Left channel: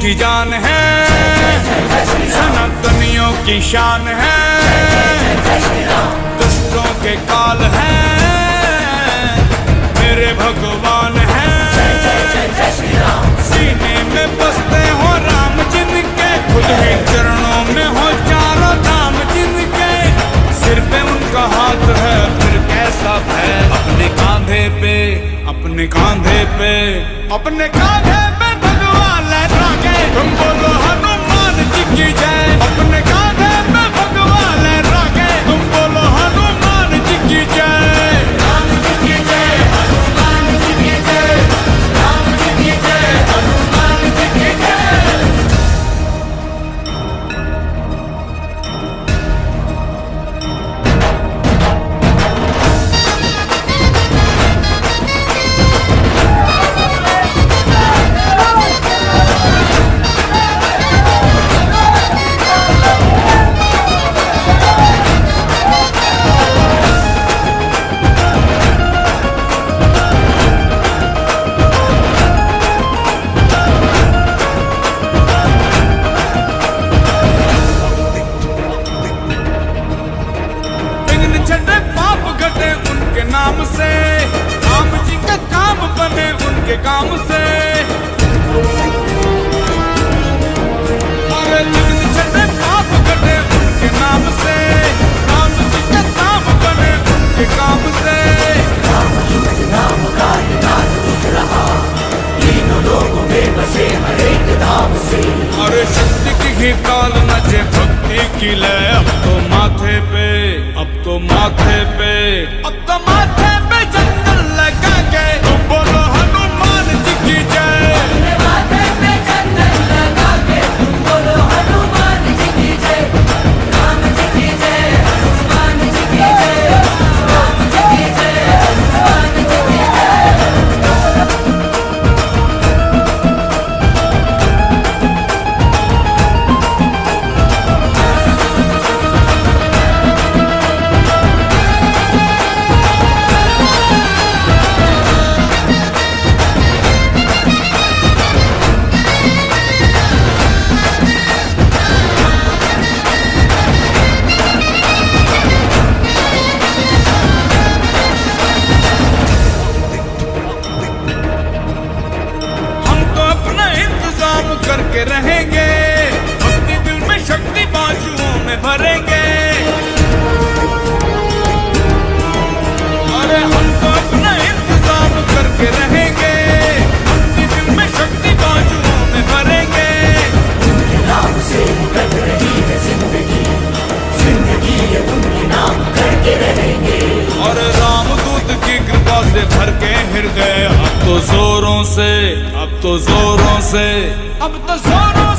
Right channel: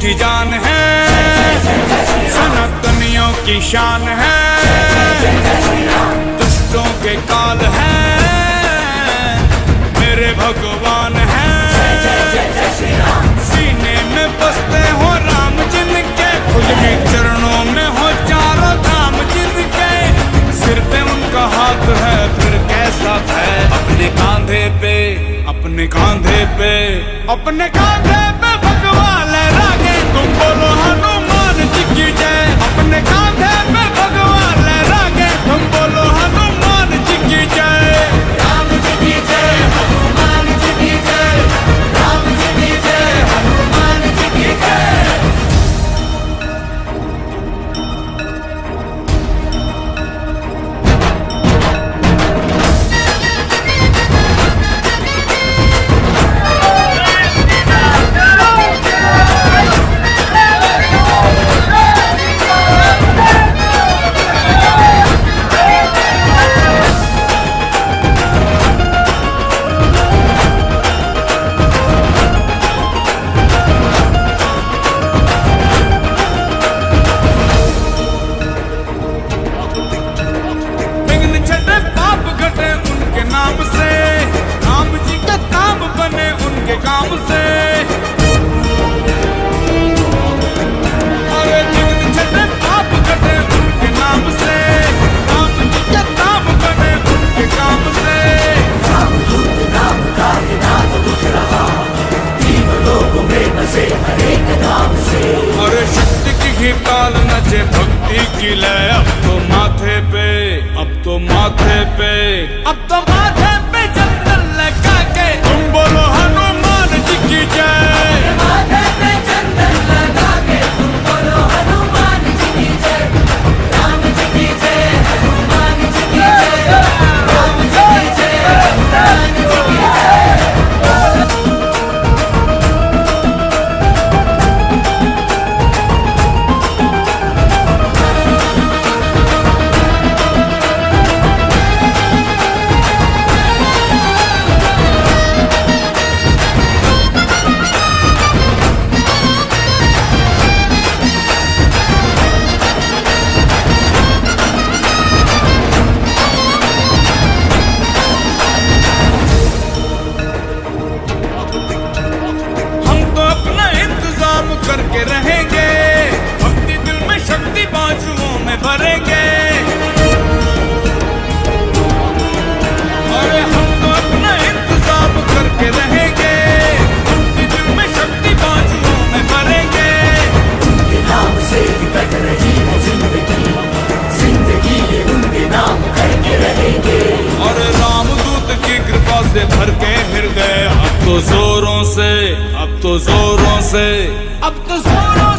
मीठी जान है, सनातनियों की शान है, दुष्टों के काल है, मेरे भगवान है। सीने में बसते हो राम जिनके, खुद ही चरणों में हो चारों धाम जिनके, सिर पे उनका हाथ है फिर कैसा भय। अपने कांधे पे, अपने कांधे पे, अपने कांधे पे भगवान लहराके, तुम बोलो हनुमान जी की जय। अपने कांधे पे भगवान लहराके, तुम बोलो हनुमान जी की जय। राम जी की जय, हनुमान जी की जय, राम जी की जय, हनुमान जी की जय। उनके नाम से राम जी का काम बने, उनके काम से। अरे जिन छठे पाप घटे उनके नाम से, राम जी का काम बने, उनके काम से। राम युक्त नाम का नाम उठ रहा, तीनों लोगों में बसे हर एक नाम से। अरे शक्ति की ही ताल नचे भक्ति की लय, अब तो माथे पे, अब तो माथे पे, अब तो माथे पे चंदन लगा के, तुम बोलो हनुमान जी की जय। माथे पे चंदन लगा के, तुम बोलो हनुमान जी की जय। राम जी की जय, हनुमान जी की जय, राम जी की जय, हनुमान जी की जय। करके रहेंगे, भक्ति दिल में शक्ति बाजुओं में भरेंगे। अरे हम तो अपना इंतजाम करके रहेंगे, भक्ति दिल में शक्ति बाजुओं में भरेंगे। उनके नाम से निकल रही है जिंदगी, जिंदगी ये उनके नाम करके रहेंगे। और रामदूत की कृपा से भर के हृदय, अब तो जोरों से, अब तो जोरों से, अब तो जोरों